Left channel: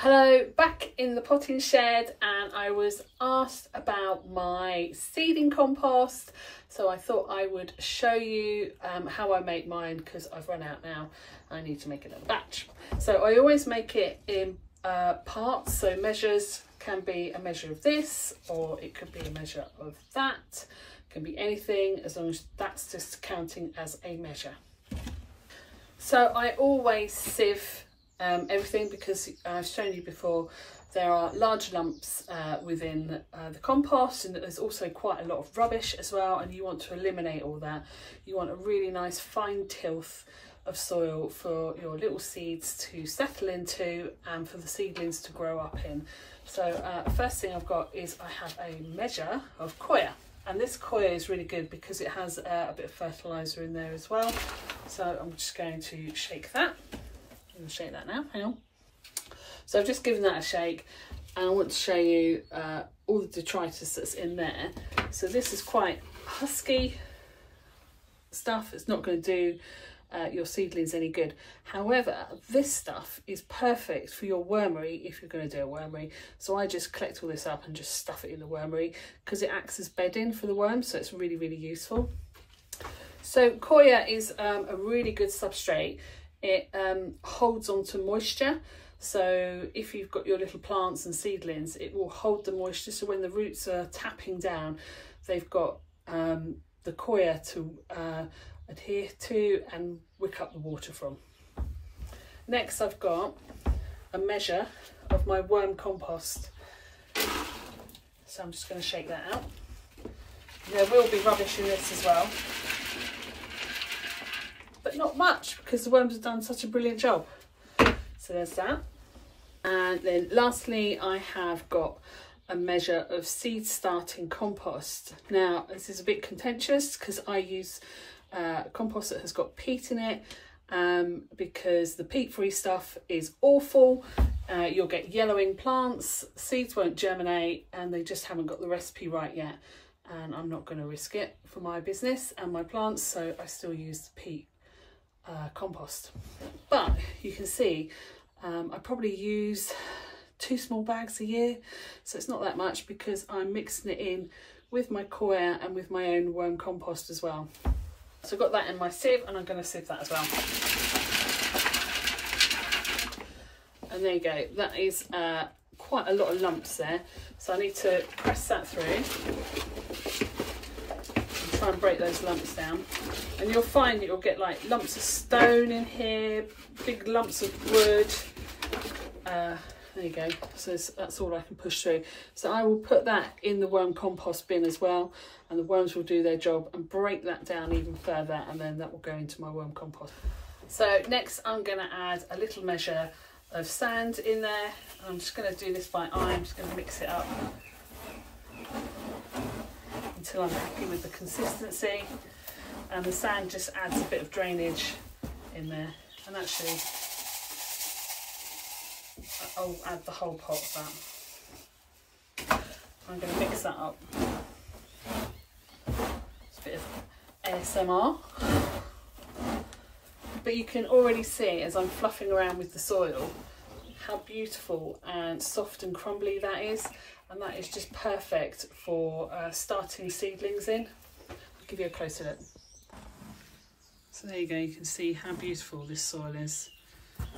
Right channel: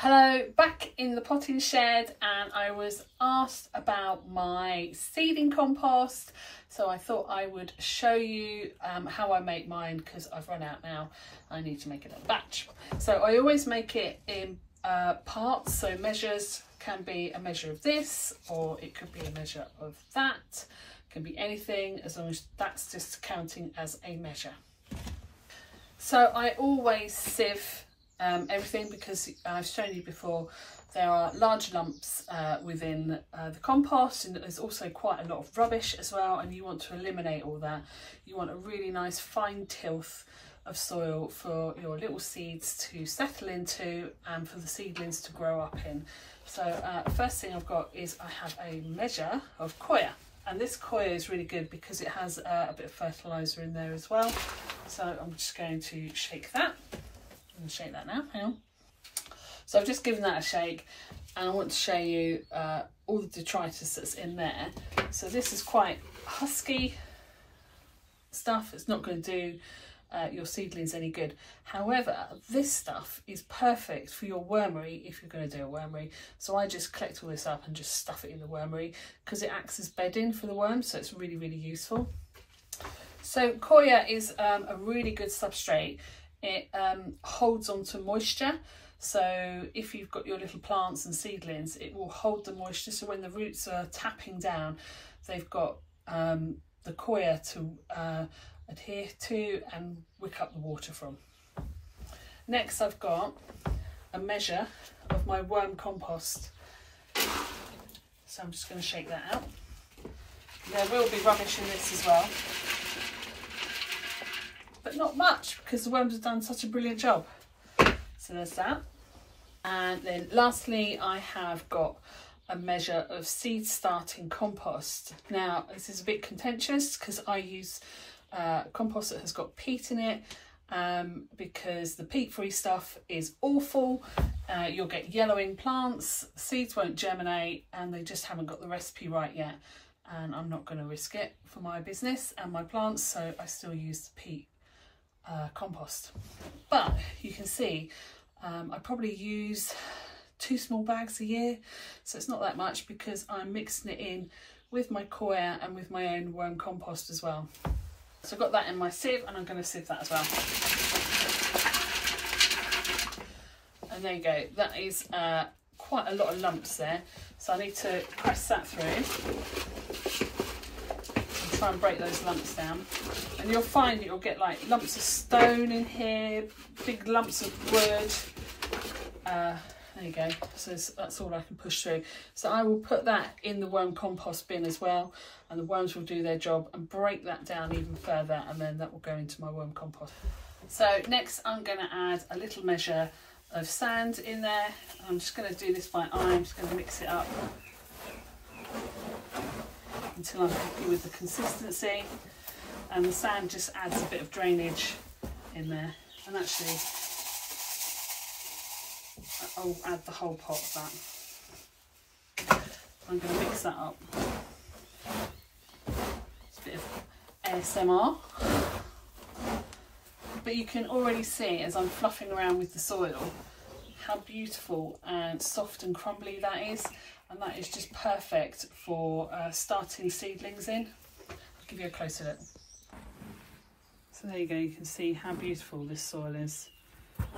Hello, back in the potting shed, and I was asked about my seeding compost, so I thought I would show you how I make mine because I've run out now. I need to make another batch. So I always make it in parts, so measures can be a measure of this, or it could be a measure of that. It can be anything as long as that's just counting as a measure. So I always sieve everything because I've shown you before there are large lumps within the compost, and there's also quite a lot of rubbish as well, and you want to eliminate all that. You want a really nice fine tilth of soil for your little seeds to settle into and for the seedlings to grow up in. So first thing I've got is I have a measure of coir, and this coir is really good because it has a bit of fertiliser in there as well. So I'm just going to shake that. I'm going to shake that now, hang on. So I've just given that a shake, and I want to show you all the detritus that's in there. So this is quite husky stuff. It's not going to do your seedlings any good. However, this stuff is perfect for your wormery if you're going to do a wormery. So I just collect all this up and just stuff it in the wormery because it acts as bedding for the worms, so it's really, really useful. So coir is a really good substrate. It holds on to moisture, so if you've got your little plants and seedlings, it will hold the moisture, so when the roots are tapping down, they've got the coir to adhere to and wick up the water from. Next I've got a measure of my worm compost, so I'm just going to shake that out. There will be rubbish in this as well, but not much because the worms have done such a brilliant job. So there's that. And then lastly, I have got a measure of seed starting compost. Now this is a bit contentious because I use compost that has got peat in it because the peat free stuff is awful. You'll get yellowing plants, seeds won't germinate, and they just haven't got the recipe right yet, and I'm not going to risk it for my business and my plants, so I still use the peat compost. But you can see I probably use 2 small bags a year, so it's not that much because I'm mixing it in with my coir and with my own worm compost as well. So I've got that in my sieve, and I'm going to sieve that as well. And there you go, that is quite a lot of lumps there, so I need to press that through. Try and break those lumps down, and you'll find that you'll get like lumps of stone in here, big lumps of wood. There you go, so that's all I can push through. So I will put that in the worm compost bin as well, and the worms will do their job and break that down even further, and then that will go into my worm compost. So next I'm going to add a little measure of sand in there. I'm just going to do this by eye. I'm just going to mix it up until I'm happy with the consistency, and the sand just adds a bit of drainage in there, and actually I'll add the whole pot of that. I'm going to mix that up. It's a bit of ASMR, but you can already see as I'm fluffing around with the soil how beautiful and soft and crumbly that is, and that is just perfect for starting seedlings in. I'll give you a closer look. So there you go, you can see how beautiful this soil is.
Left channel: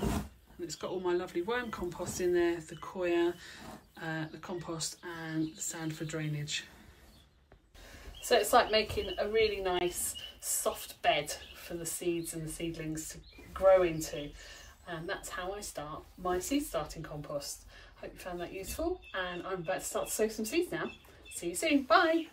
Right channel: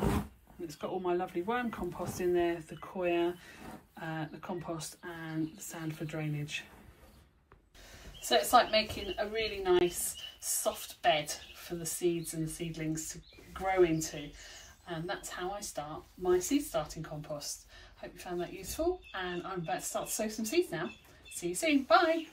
And it's got all my lovely worm compost in there, the coir, the compost and the sand for drainage. So it's like making a really nice soft bed for the seeds and the seedlings to grow into. And that's how I start my seed starting compost. Hope you found that useful, and I'm about to start to sow some seeds now. See you soon, bye!